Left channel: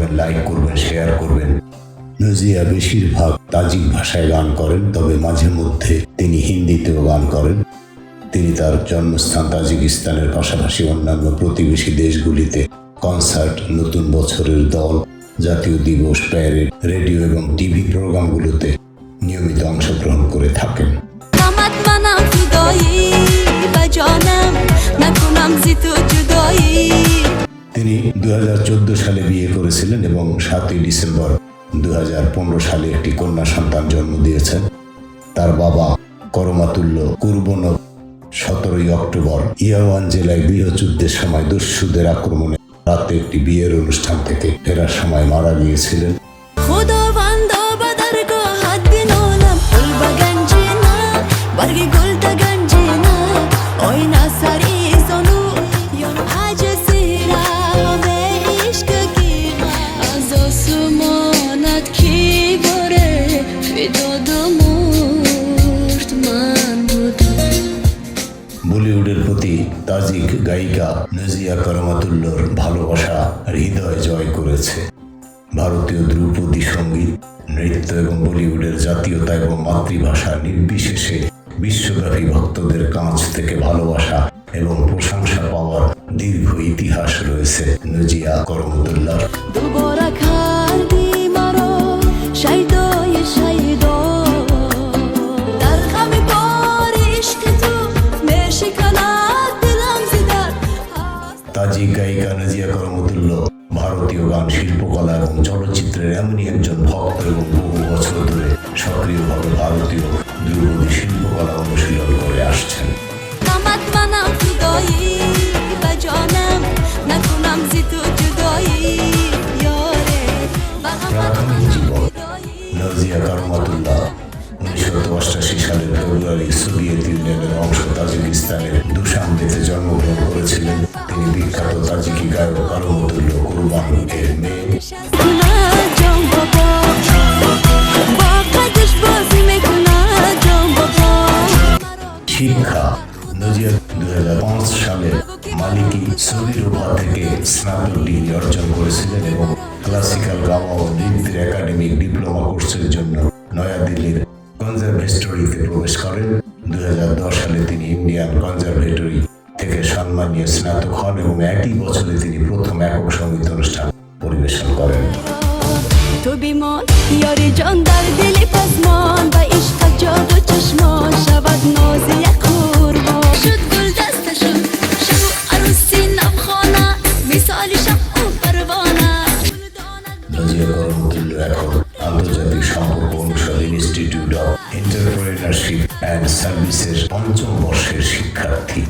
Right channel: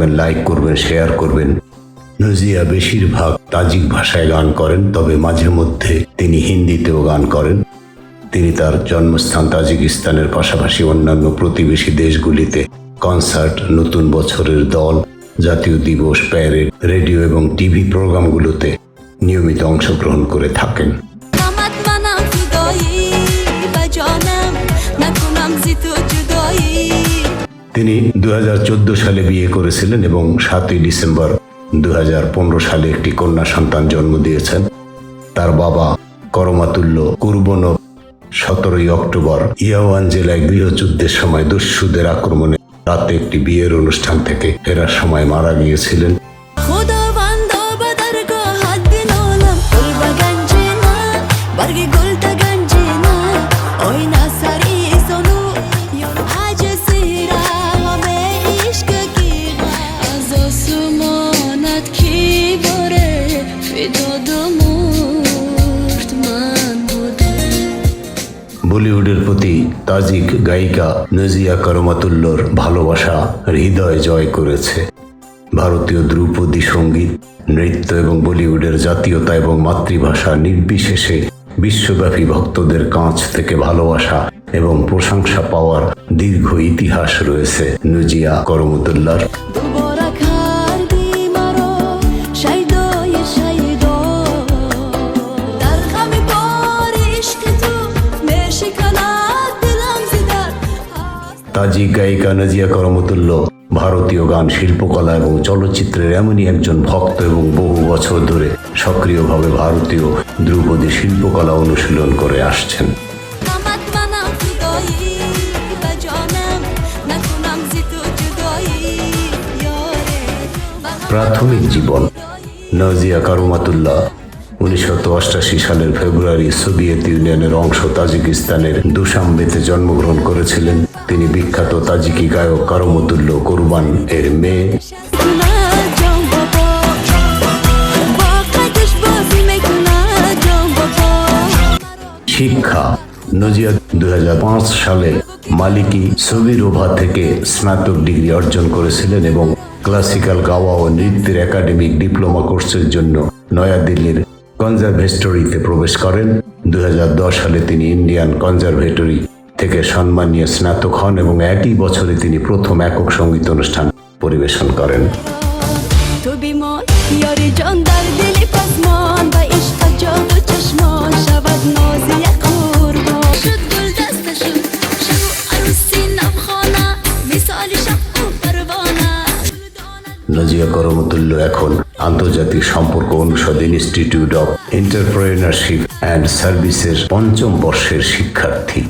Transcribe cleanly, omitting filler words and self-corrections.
করবেন, লাইক করবেন, শেয়ার করবেন। নজিয়া বেশিরভাগ তাজিক ভাষায় গান করেন, তবে মাঝে মধ্যে তিনি হিন্দিতেও গান করেন। তিনি তার জন্মস্থান তাজিকিস্তানের পাশাপাশি অন্যান্য প্রতিবেশী দেশগুলিতে কনসার্ট, নতুন বছরের দল, জাতীয় দিবস, প্যারেড, রেডিও এবং টিভি প্রোগ্রামগুলোতে নিয়মিত অংশগ্রহণ করে থাকেন। তিনি 2014 সালে বিয়ে করেছিলেন এবং 7 ডিসেম্বর 2015 সালে একটি কন্যা সন্তান জন্ম দিয়েছেন। তার বাবা করমাতুল্লাহ কুরবনভ 17 অক্টোবর ইয়াওয়ান জেলায় গৃহযুদ্ধের সময় দস্যুদের আক্রমণে রাতে একটি বিয়ের অনুষ্ঠান থেকে ফেরার সময় মারা গিয়েছিলেন। বলিউডের প্রতি তাজিক গায়িকা নজিয়া করমাতুল্লাহর ভালোবাসা হৃদয় জয় করেছে। ভারতীয় ধ্রুপদী সঙ্গীত, নৃত্য এবং বলিউডের জাতীয়তা এবং মাতৃভাষা নির্বিশেষে বিশ্বব্যাপী ভক্তদের কাছ থেকে ভালোবাসা এবং প্রশংসা পাওয়ার দীর্ঘ ইতিহাস রয়েছে নজিয়া করমাতুল্লাহর। তাজিক গায়িকা নজিয়া করমাতুল্লাহ ভারতীয় গান, শিল্পকলা এবং চলচ্চিত্রের এমনই একজন ভক্ত এবং বহু বছর ধরে সক্রিয়ভাবে ভারতীয় ধ্রুপদী শিল্পকলা অনুশীলন করে আসছেন। প্রাথমিক জীবন। নজিয়া করমাতুল্লাহ 1988 সালের ফেব্রুয়ারি সোভিয়েত ইউনিয়নের অংশ তাজিকিস্তানের দুশানবেতে জন্মগ্রহণ করেছিলেন। তিনি বিখ্যাত তাজিকি গায়ক করমাতুল্লাহ কুরবান এর মেয়ে। শিক্ষা। নজিয়া 2005 সালে মালিকি সোভিরোভা থেকে স্নাতক ডিগ্রি অর্জন করেছিলেন এবং ক্লাসিক্যাল গাওয়া ও নৃত্যের একাডেমিক ডিপ্লোমা কোর্সের জন্য নয়াদিল্লির কনজারভেটরিতে প্রবেশ করেন। 2010 সালে তিনি ইন্ডিয়ান কনজারভেটরি থেকে সম্মানীয় স্নাতক হন এবং একই বছরে তিনি প্রথম একক সঙ্গীত অনুষ্ঠান পরিবেশন করেন। নজিয়া করমাতুল্লাহ এখন আন্তর্জাতিক সম্পর্ক অনুষদ ইনস্টিটিউট অফ এন্টারপ্রেনারশিপ অ্যান্ড সার্ভিসের 5ম বর্ষের শিক্ষার্থী।